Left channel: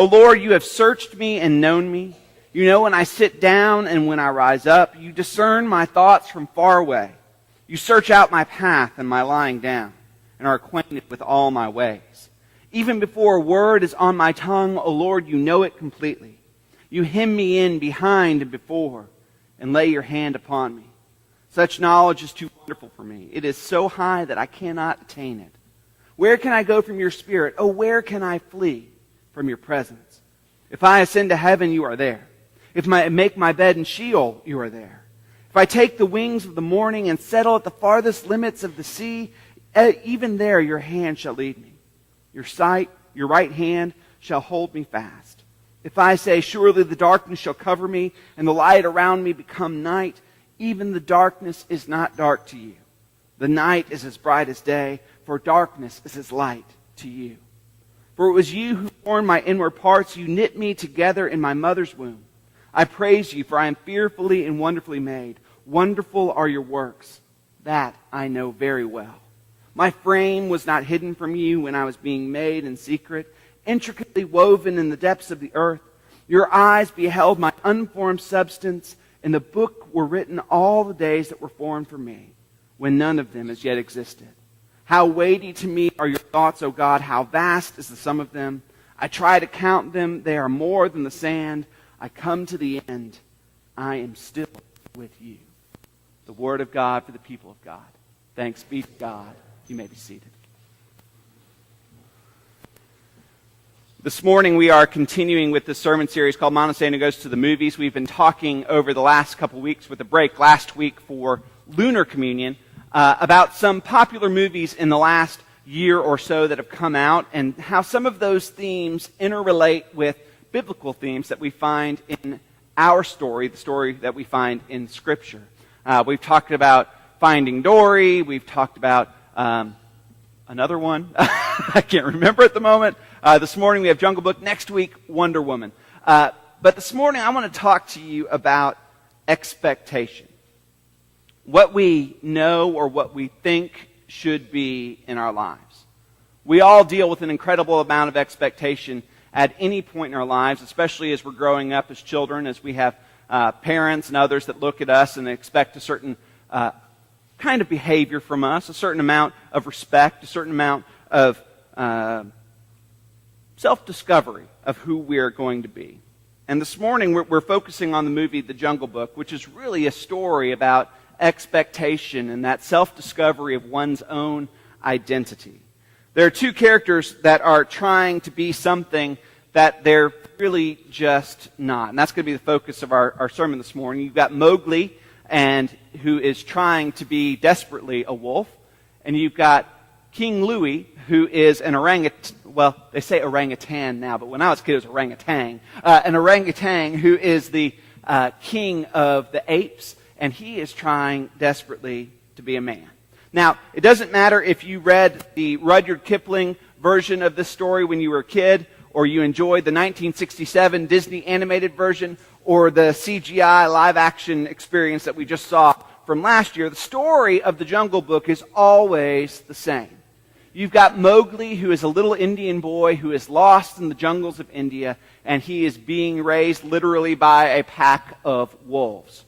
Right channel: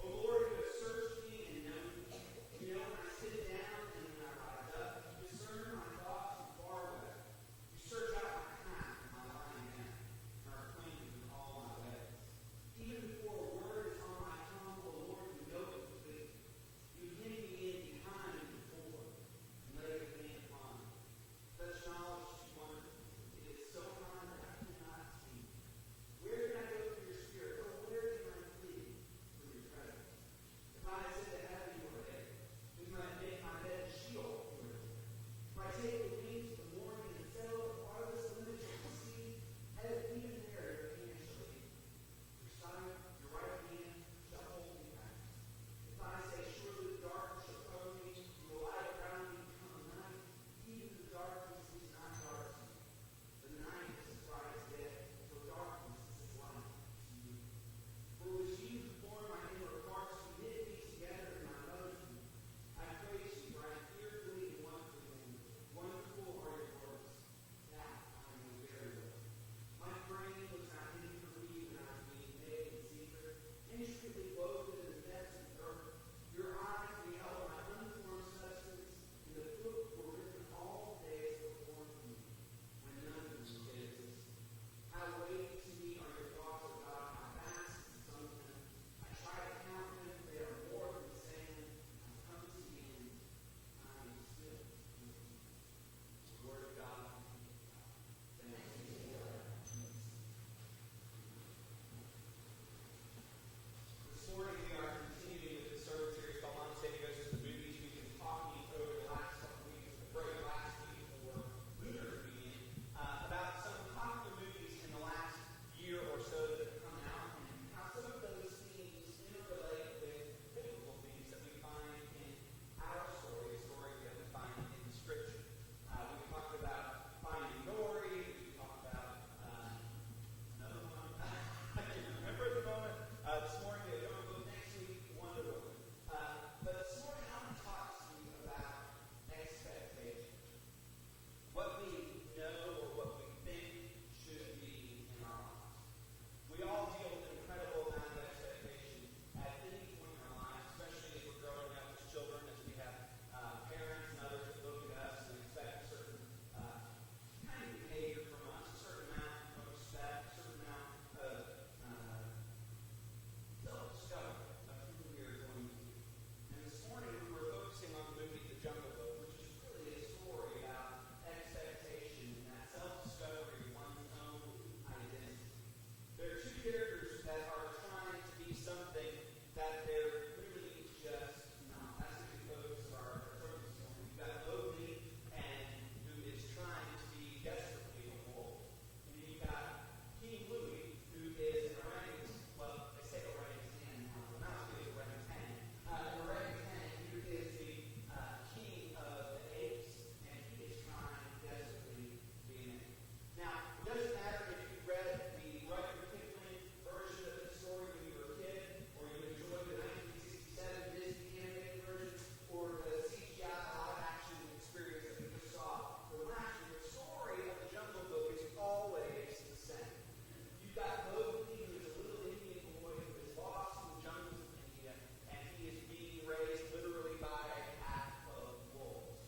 O Lord, you have searched me and known me. You know when I sit down and when I rise up. You discern my thoughts from far away. You search out my path and my lying down, and are acquainted with all my ways. Even before a word is on my tongue, O Lord, you know it completely. You hem me in behind and before, and lay your hand upon me. Such knowledge is too wonderful for me. It is so high that I cannot attain it. Where can I go from your spirit? Oh, where can I flee from your presence? If I ascend to heaven, you are there. If I make my bed in Sheol, you are there. If I take the wings of the morning and settle at the farthest limits of the sea, even there your hand shall lead me. Your right hand shall hold me fast. If I say, surely the darkness shall cover me, and the light around me become night, even the darkness is not dark to you. The night is as bright as day, for darkness is as light to you. For it was you who formed my inward parts. You knit me together in my mother's womb. I praise you, for I am fearfully and wonderfully made. Wonderful are your works. That I know very well. My frame was not hidden from you when I was being made in secret, intricately woven in the depths of the earth. Your eyes beheld my unformed substance. In the book were written all the days that were formed for me, when none of them as yet existed. How weighty to me are your thoughts, O God. How vast is the sum of them. I try to count them. They are more than the sand. I come to the end. I am still with you. The word of God for the people of God. Thanks be to God. You may be seated. This morning we are continuing with this sermon series called Monte Goes to the Movies. We've been talking over the last couple weeks with a break last week for Lunar Communion about some popular movies in the last year or so that have come out and how some of those themes interrelate with biblical themes that we find in our story, the story that we find in Scripture. We've talked about Finding Dory. We've talked about another one. I can't remember at the moment. This morning we have Jungle Book. Next week, Wonder Woman. But this morning I want to talk to you about expectation. What we know or what we think should be in our lives. We all deal with an incredible amount of expectation at any point in our lives, especially as we're growing up as children, as we have parents and others that look at us and expect a certain kind of behavior from us, a certain amount of respect, a certain amount of self-discovery of who we are going to be. And this morning we're focusing on the movie The Jungle Book, which is really a story about expectation and that self-discovery of one's own identity. There are two characters that are trying to be something that they're really just not. And that's going to be the focus of our sermon this morning. You've got Mowgli, who is trying to be desperately a wolf. And you've got King Louie, who is an orangutan. Well, they say orangutan now, but when I was a kid, it was orangutan. An orangutan who is the king of the apes, and he is trying desperately to be a man. Now, it doesn't matter if you read the Rudyard Kipling version of this story when you were a kid, or you enjoyed the 1967 Disney animated version, or the CGI live-action experience that we just saw from last year. The story of the Jungle Book is always the same. You've got Mowgli, who is a little Indian boy who is lost in the jungles of India, and he is being raised literally by a pack of wolves.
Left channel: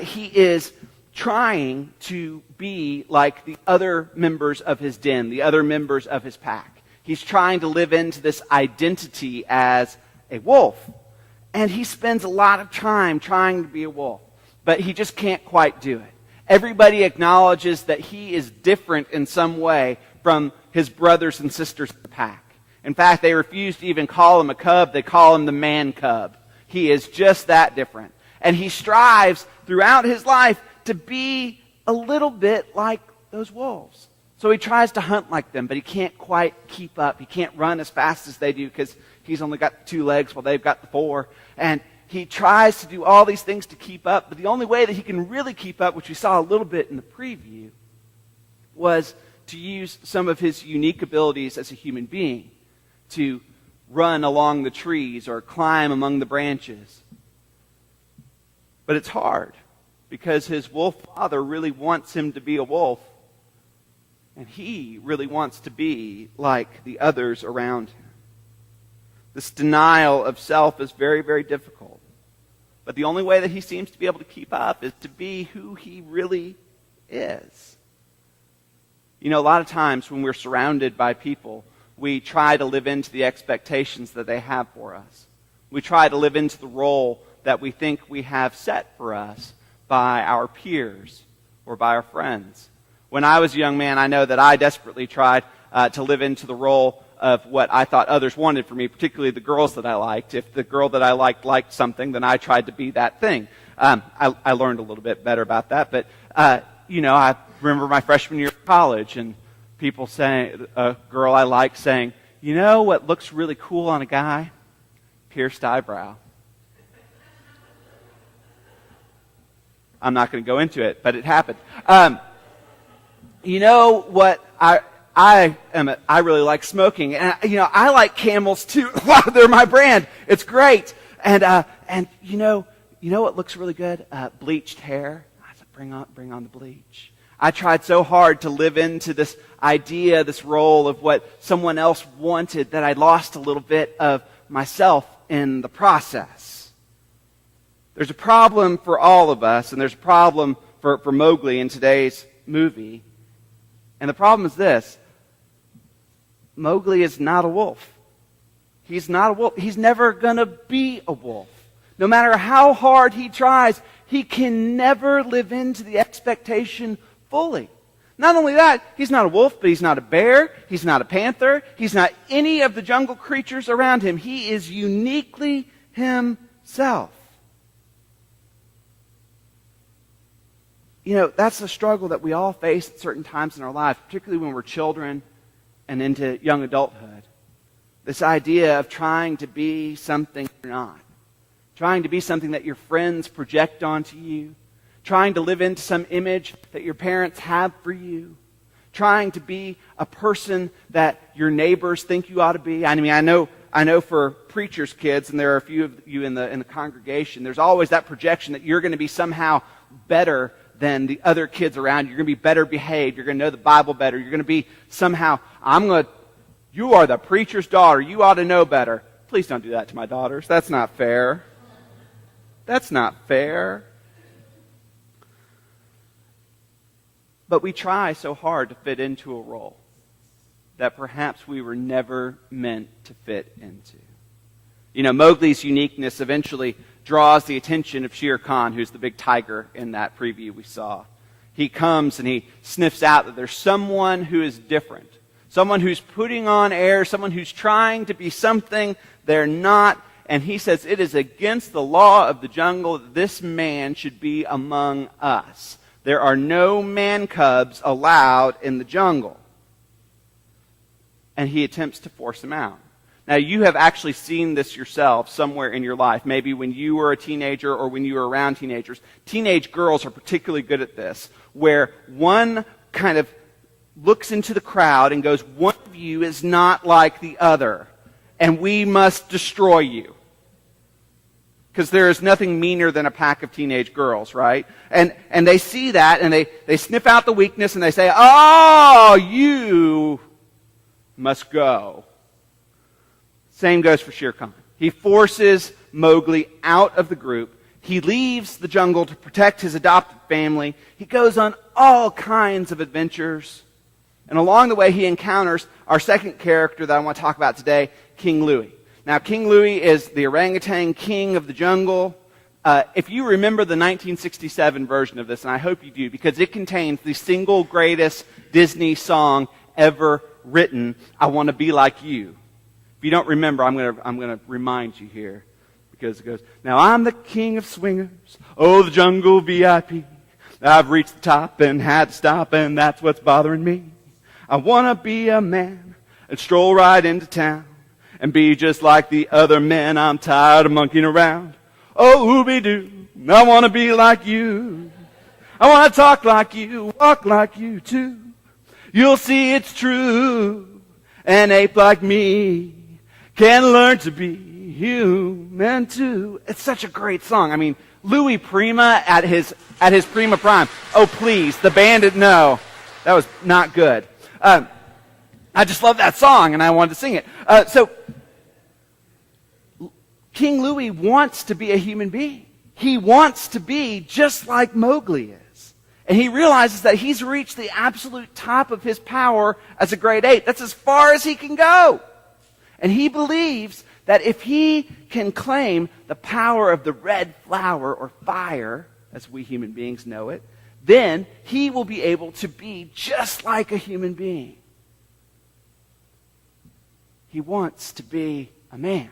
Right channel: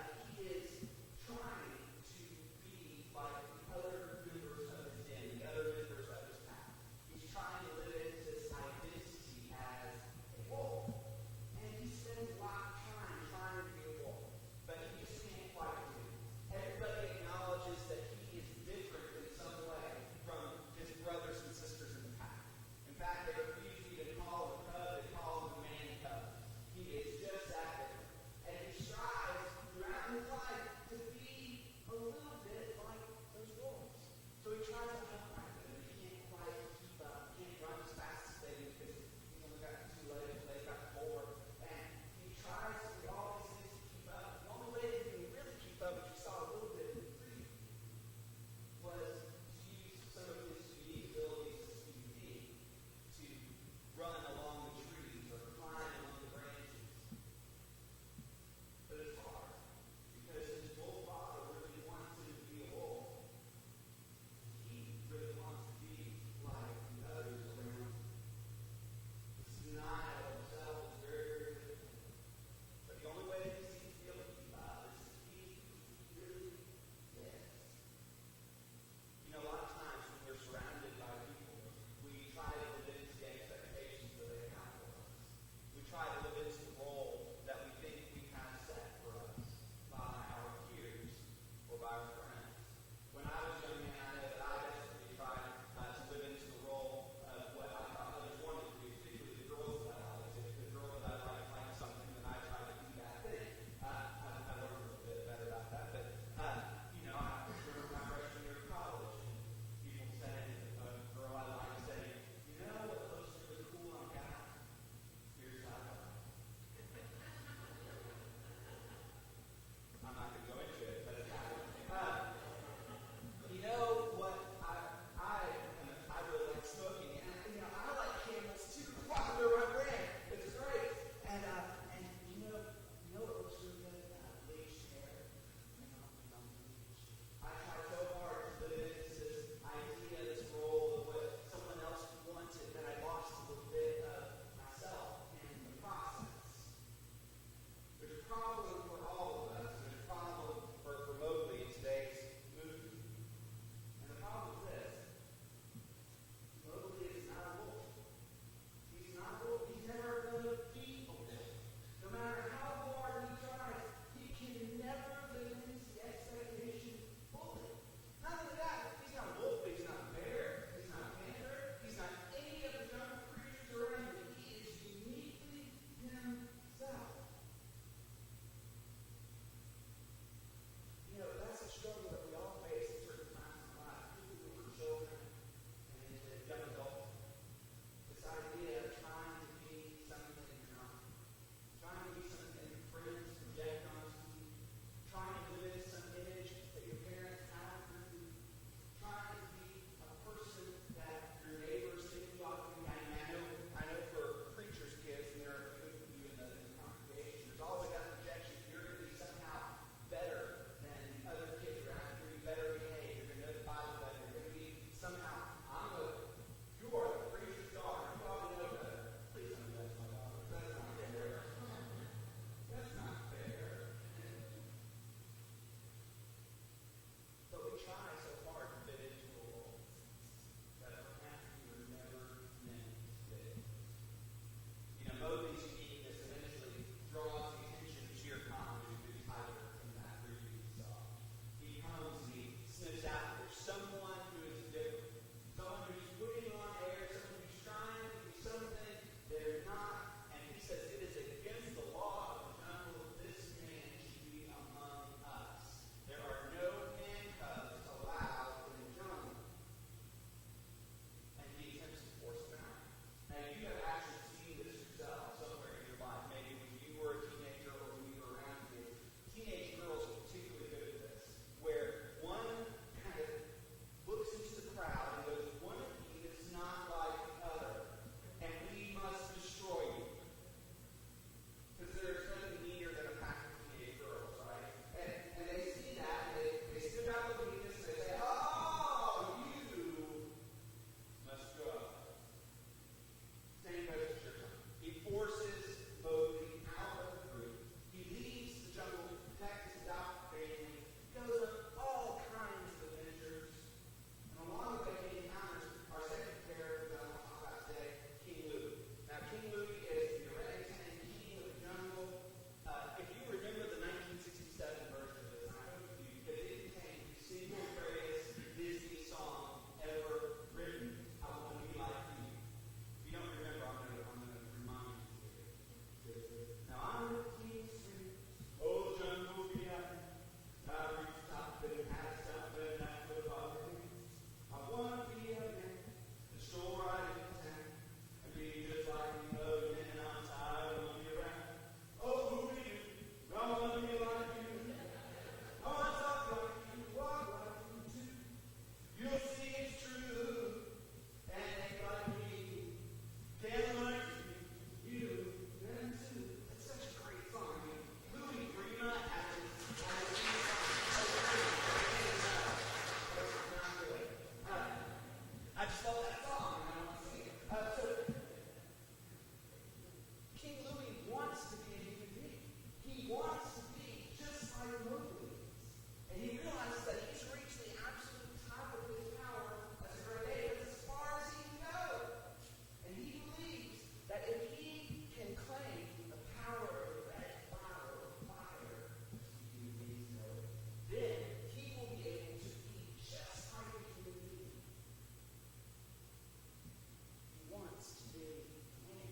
He is trying to be like the other members of his den, the other members of his pack. He's trying to live into this identity as a wolf. And he spends a lot of time trying to be a wolf, but he just can't quite do it. Everybody acknowledges that he is different in some way from his brothers and sisters in the pack. In fact, they refuse to even call him a cub. They call him the man cub. He is just that different. And he strives throughout his life to be a little bit like those wolves. So he tries to hunt like them, but he can't quite keep up. He can't run as fast as they do because he's only got 2 legs while they've got the 4. And he tries to do all these things to keep up, but the only way that he can really keep up, which we saw a little bit in the preview, was to use some of his unique abilities as a human being to run along the trees or climb among the branches. But it's hard because his wolf father really wants him to be a wolf, and he really wants to be like the others around him. This denial of self is very, very difficult. But the only way that he seems to be able to keep up is to be who he really is. You know, a lot of times when we're surrounded by people, we try to live into the expectations that they have for us. We try to live into the role that we think we have set for us by our peers or by our friends. When I was a young man, I know that I desperately tried to live into the role of what I thought others wanted for me, particularly the girls that I liked. If the girl that I liked something, then I tried to be that thing. I learned a little bit better about that, but I remember my freshman year of college and people saying, a girl I liked saying, you know what looks really cool on a guy? Pierced eyebrow. I'm not going to go into it, but it happened. You know what I really like smoking, and I like Camels too. Wow, they're my brand. It's great. And you know what looks really good? Bleached hair. I said, bring on the bleach. I tried so hard to live into this idea, this role of what someone else wanted, that I lost a little bit of myself in the process. There's a problem for all of us, and there's a problem for Mowgli in today's movie. And the problem is this: Mowgli is not a wolf. He's not a wolf. He's never going to be a wolf. No matter how hard he tries, he can never live into the expectation fully. Not only that, he's not a wolf, but he's not a bear, he's not a panther, he's not any of the jungle creatures around him. He is uniquely himself. You know, that's the struggle that we all face at certain times in our lives, particularly when we're children and into young adulthood. This idea of trying to be something you're not. Trying to be something that your friends project onto you. Trying to live into some image that your parents have for you. Trying to be a person that your neighbors think you ought to be. I mean, I know for preachers' kids, and there are a few of you in the congregation, there's always that projection that you're going to be somehow better than the other kids around you. You're going to be better behaved. You're going to know the Bible better. You're going to be somehow, you are the preacher's daughter. You ought to know better. Please don't do that to my daughters. That's not fair. That's not fair. But we try so hard to fit into a role that perhaps we were never meant to fit into. You know, Mowgli's uniqueness eventually draws the attention of Shere Khan, who's the big tiger in that preview we saw. He comes and he sniffs out that there's someone who is different, someone who's putting on airs, someone who's trying to be something they're not, and he says it is against the law of the jungle that this man should be among us. There are no man cubs allowed in the jungle. And he attempts to force him out. Now, you have actually seen this yourself somewhere in your life, maybe when you were a teenager or when you were around teenagers. Teenage girls are particularly good at this, where one kind of looks into the crowd and goes, one of you is not like the other, and we must destroy you. Because there is nothing meaner than a pack of teenage girls, right? And they see that, and they sniff out the weakness, and they say, oh, you must go. Same goes for Shere Khan. He forces Mowgli out of the group. He leaves the jungle to protect his adopted family. He goes on all kinds of adventures. And along the way, he encounters our second character that I want to talk about today, King Louie. Now, King Louie is the orangutan king of the jungle. If you remember the 1967 version of this, and I hope you do, because it contains the single greatest Disney song ever written, I Want to Be Like You. If you don't remember, I'm going to remind you here, because it goes, now I'm the king of swingers, oh, the jungle VIP. I've reached the top and had to stop, and that's what's bothering me. I want to be a man and stroll right into town and be just like the other men. I'm tired of monkeying around. Oh, ooby-doo, I want to be like you. I want to talk like you, walk like you too. You'll see it's true. An ape like me can learn to be human too. It's such a great song. I mean, Louie Prima at his prima prime. Oh, please, the bandit, no. That was not good. I just love that song, and I wanted to sing it. So King Louie wants to be a human being. He wants to be just like Mowgli is. And he realizes that he's reached the absolute top of his power as a great ape. That's as far as he can go. And he believes that if he can claim the power of the red flower or fire, as we human beings know it, then he will be able to be just like a human being. He wants to be a man.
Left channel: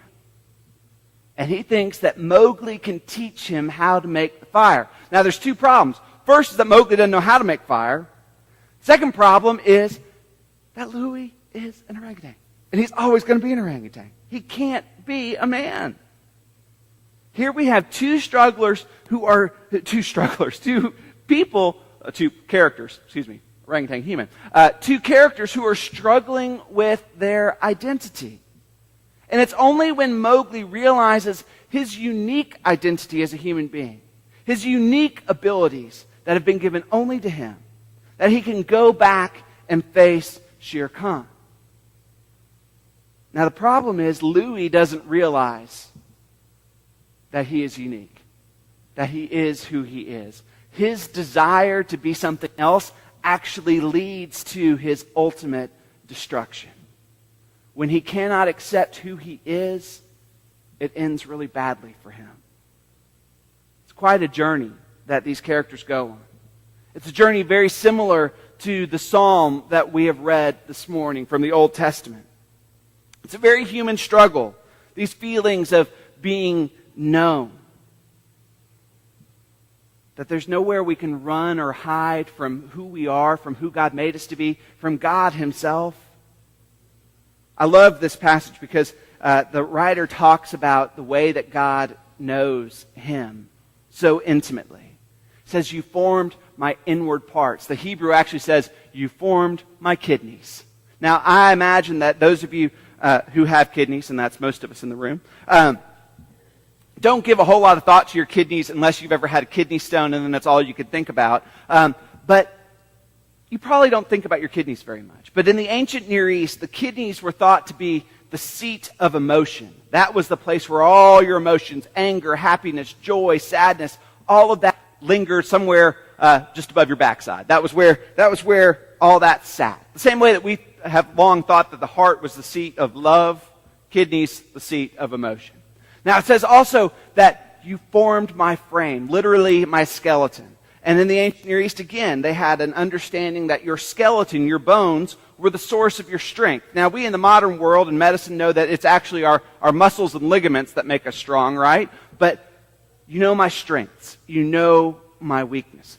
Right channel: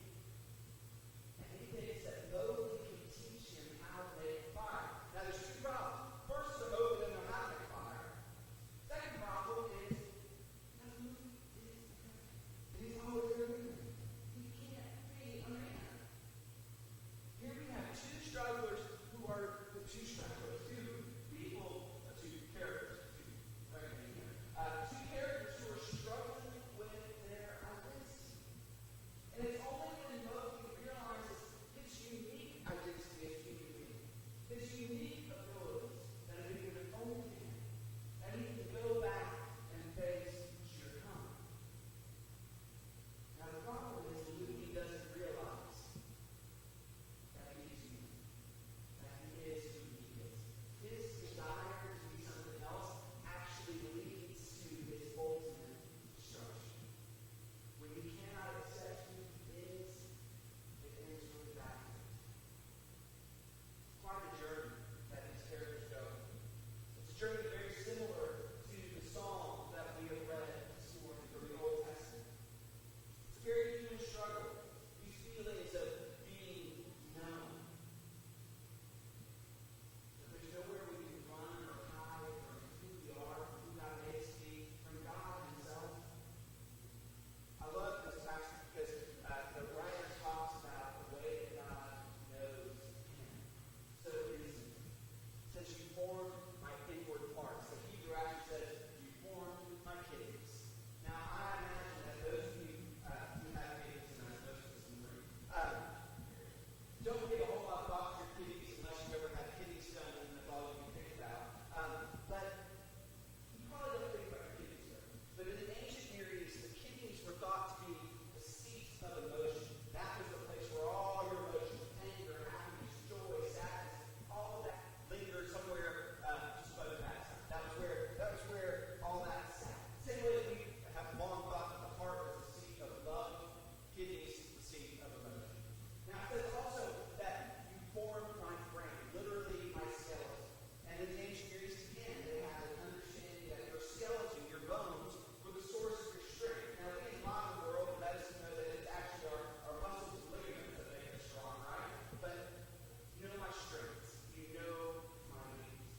And he thinks that Mowgli can teach him how to make the fire. Now, there's two problems. First is that Mowgli doesn't know how to make fire. Second problem is that Louie is an orangutan. And he's always going to be an orangutan. He can't be a man. Here we have two characters, orangutan human. Two characters who are struggling with their identity. And it's only when Mowgli realizes his unique identity as a human being, his unique abilities that have been given only to him, that he can go back and face Shere Khan. Now the problem is Louie doesn't realize that he is unique, that he is who he is. His desire to be something else actually leads to his ultimate destruction. When he cannot accept who he is, it ends really badly for him. It's quite a journey that these characters go on. It's a journey very similar to the psalm that we have read this morning from the Old Testament. It's a very human struggle, these feelings of being known. That there's nowhere we can run or hide from who we are, from who God made us to be, from God himself. I love this passage because the writer talks about the way that God knows him so intimately. He says, you formed my inward parts. The Hebrew actually says, you formed my kidneys. Now, I imagine that those of you who have kidneys, and that's most of us in the room, don't give a whole lot of thought to your kidneys unless you've ever had a kidney stone, and then that's all you could think about. But you probably don't think about your kidneys very much. But in the ancient Near East, the kidneys were thought to be the seat of emotion. That was the place where all your emotions, anger, happiness, joy, sadness, all of that lingered somewhere just above your backside. That was where all that sat. The same way that we have long thought that the heart was the seat of love, kidneys the seat of emotion. Now it says also that you formed my frame, literally my skeleton. And in the ancient Near East, again, they had an understanding that your skeleton, your bones, were the source of your strength. Now, we in the modern world in medicine know that it's actually our muscles and ligaments that make us strong, right? But you know my strengths. You know my weaknesses.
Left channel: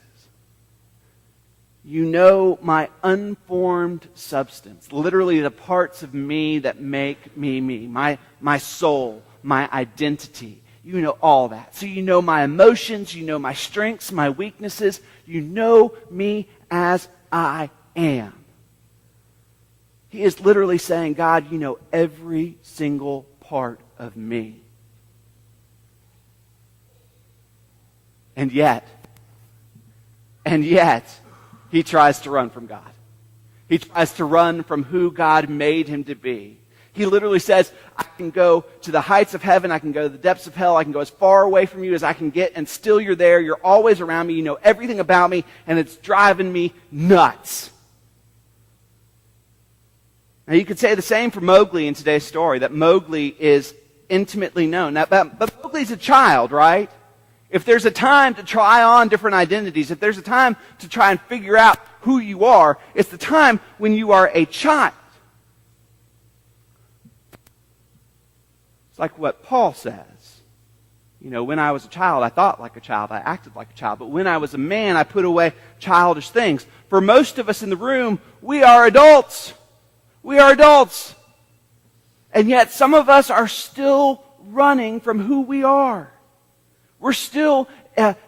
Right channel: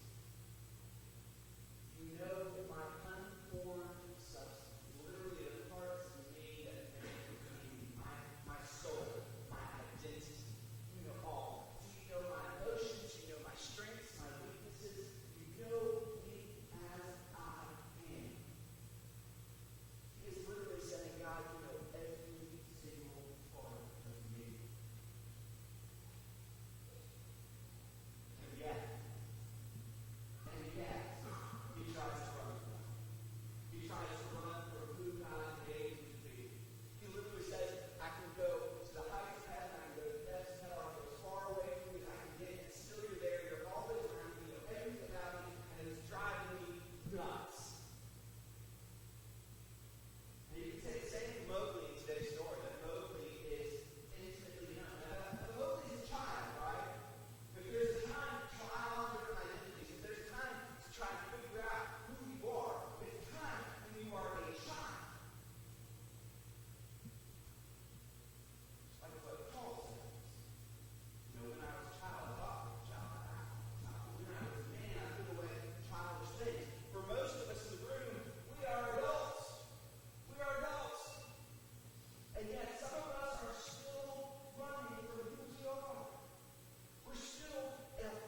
You know my unformed substance, literally the parts of me that make me me, my soul, my identity. You know all that. So you know my emotions, you know my strengths, my weaknesses. You know me as I am. He is literally saying, God, you know every single part of me. And yet, he tries to run from God. He tries to run from who God made him to be. He literally says, I can go to the heights of heaven, I can go to the depths of hell, I can go as far away from you as I can get, and still you're there, you're always around me, you know everything about me, and it's driving me nuts. Now you could say the same for Mowgli in today's story, that Mowgli is intimately known. Now, but Mowgli's a child, right? If there's a time to try on different identities, if there's a time to try and figure out who you are, it's the time when you are a child. It's like what Paul says. You know, when I was a child, I thought like a child, I acted like a child. But when I was a man, I put away childish things. For most of us in the room, we are adults. We are adults. And yet some of us are still running from who we are. We're still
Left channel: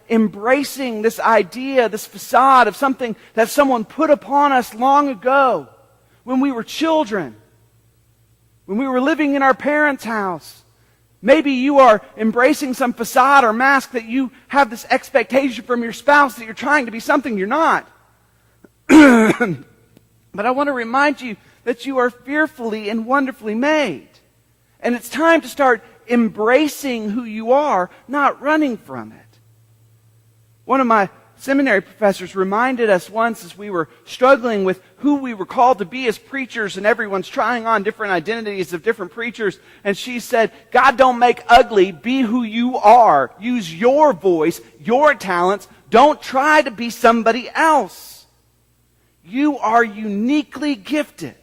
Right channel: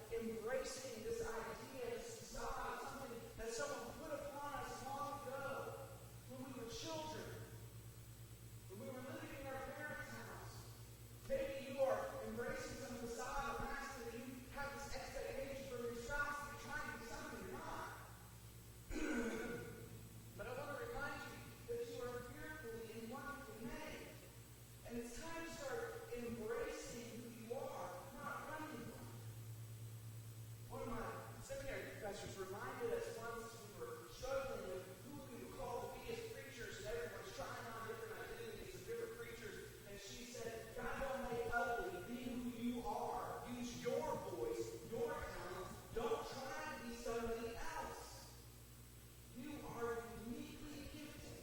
embracing this idea, this facade of something that someone put upon us long ago when we were children. When we were living in our parents' house. Maybe you are embracing some facade or mask that you have this expectation from your spouse that you're trying to be something you're not. But I want to remind you that you are fearfully and wonderfully made. And it's time to start embracing who you are, not running from it. One of my seminary professors reminded us once as we were struggling with who we were called to be as preachers, and everyone's trying on different identities of different preachers, and she said, God don't make ugly, be who you are. Use your voice, your talents. Don't try to be somebody else. You are uniquely gifted.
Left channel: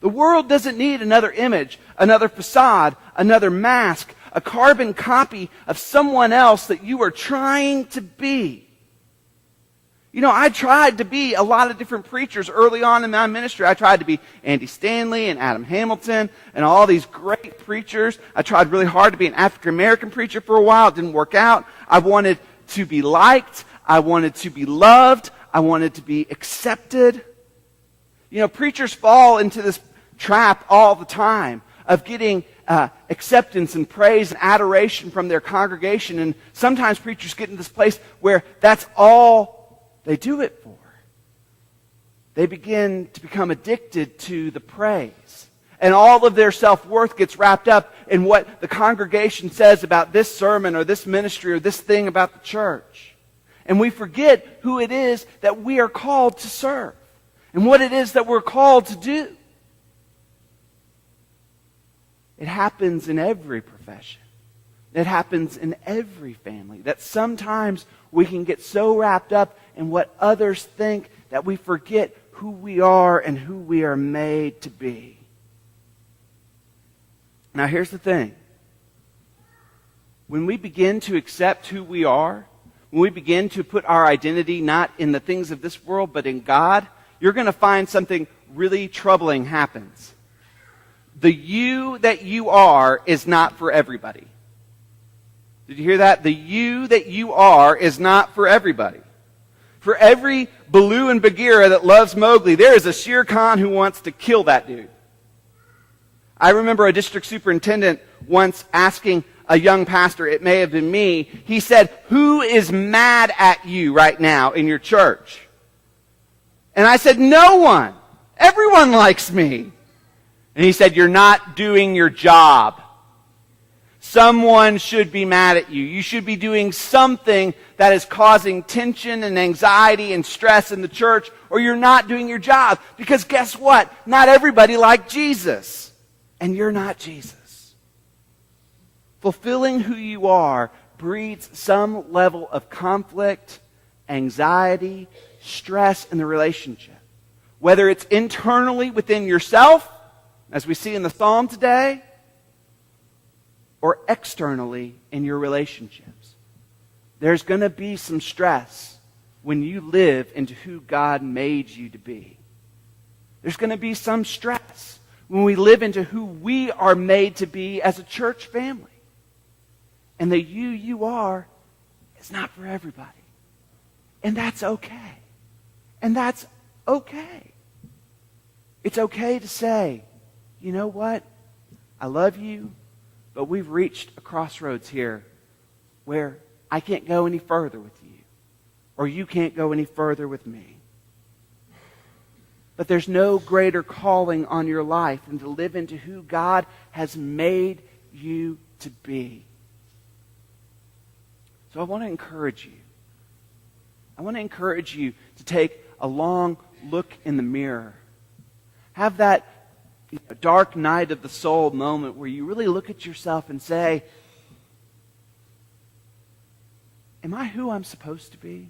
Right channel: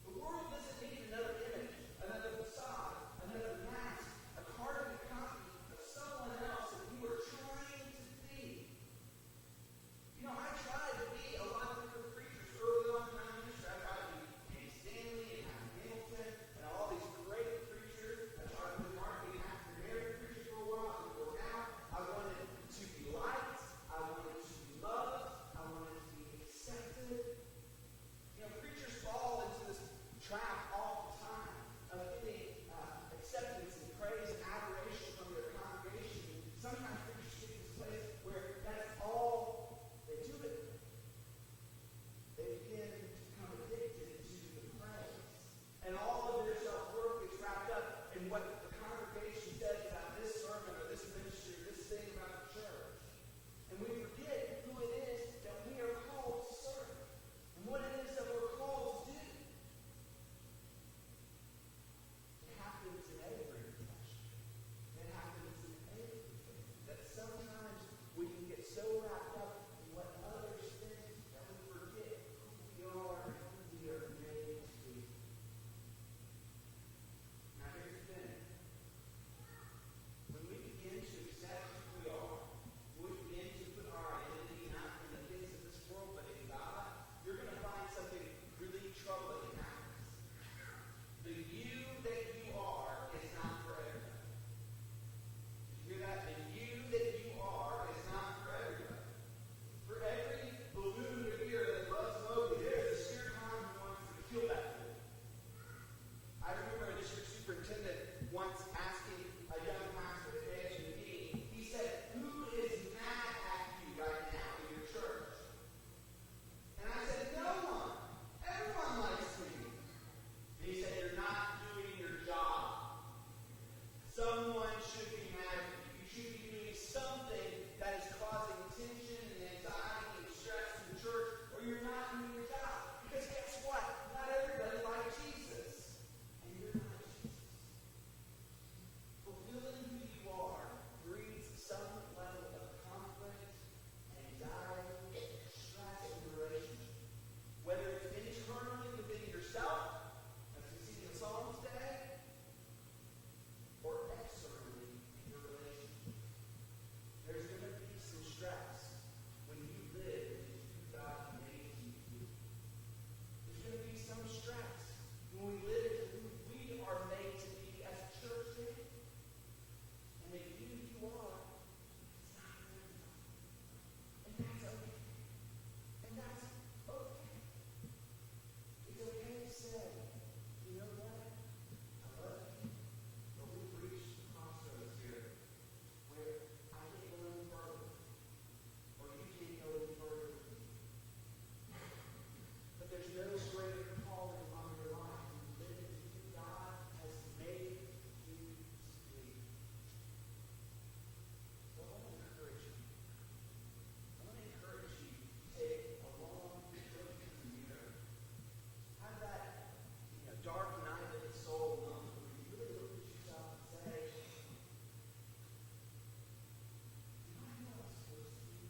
The world doesn't need another image, another facade, another mask, a carbon copy of someone else that you are trying to be. You know, I tried to be a lot of different preachers early on in my ministry. I tried to be Andy Stanley and Adam Hamilton and all these great preachers. I tried really hard to be an African-American preacher for a while. It didn't work out. I wanted to be liked. I wanted to be loved. I wanted to be accepted. You know, preachers fall into this trap all the time of getting acceptance and praise and adoration from their congregation. And sometimes preachers get in this place where that's all they do it for. They begin to become addicted to the praise. And all of their self-worth gets wrapped up in what the congregation says about this sermon or this ministry or this thing about the church. And we forget who it is that we are called to serve and what it is that we're called to do. It happens in every profession. It happens in every family that sometimes we can get so wrapped up in what others think that we forget who we are and who we are made to be. Now here's the thing. When we begin to accept who we are, when we begin to put our identity not in the things of this world but in God, you're going to find something really troubling happens. The you that you are is not for everybody. Did you hear that? The you that you are is not for everybody. For every Baloo and Bagheera that loves Mowgli, there is a Shere Khan who wants to kill that dude. I remember a district superintendent once asking a young pastor, it may have been me, he said, who is mad at you right now in your church? And I said, no one. Everyone likes me. And he said, you're not doing your job. Someone should be mad at you. You should be doing something that is causing tension and anxiety and stress in the church, or you're not doing your job. Because guess what? Not everybody liked Jesus. And you're not Jesus. Fulfilling who you are breeds some level of conflict, anxiety, stress in the relationship. Whether it's internally within yourself, as we see in the psalm today, or externally in your relationships. There's going to be some stress when you live into who God made you to be. There's going to be some stress when we live into who we are made to be as a church family. And the you are is not for everybody. And that's okay. And that's okay. It's okay to say, you know what? I love you, but we've reached a crossroads here where I can't go any further with you, or you can't go any further with me. But there's no greater calling on your life than to live into who God has made you to be. So I want to encourage you. I want to encourage you to take a long look in the mirror. Have that dark night of the soul moment where you really look at yourself and say, am I who I'm supposed to be?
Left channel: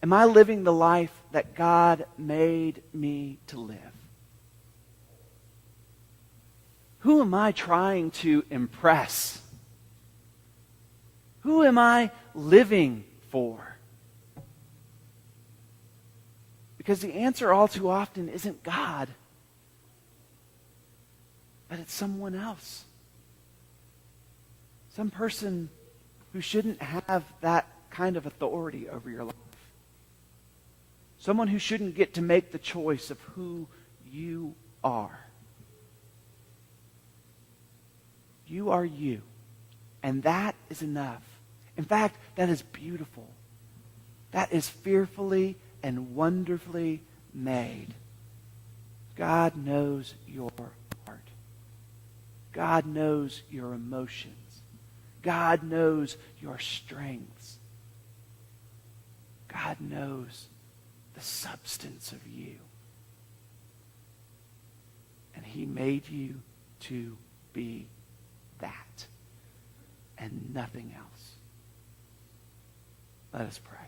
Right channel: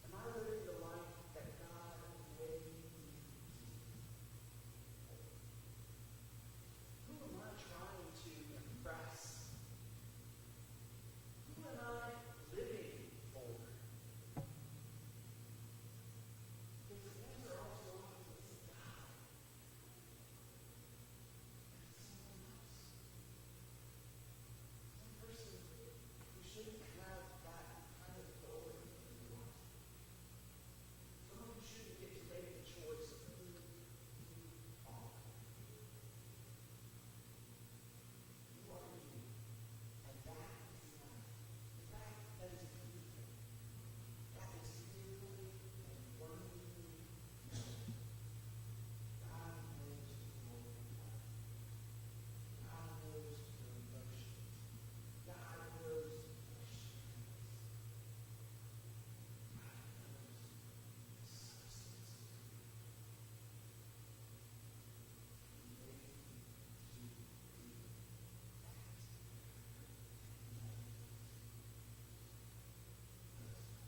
Am I living the life that God made me to live? Who am I trying to impress? Who am I living for? Because the answer all too often isn't God, but it's someone else. Some person who shouldn't have that kind of authority over your life. Someone who shouldn't get to make the choice of who you are. You are you. And that is enough. In fact, that is beautiful. That is fearfully and wonderfully made. God knows your heart. God knows your emotions. God knows your strengths. God knows the substance of you. And he made you to be that and nothing else. Let us pray.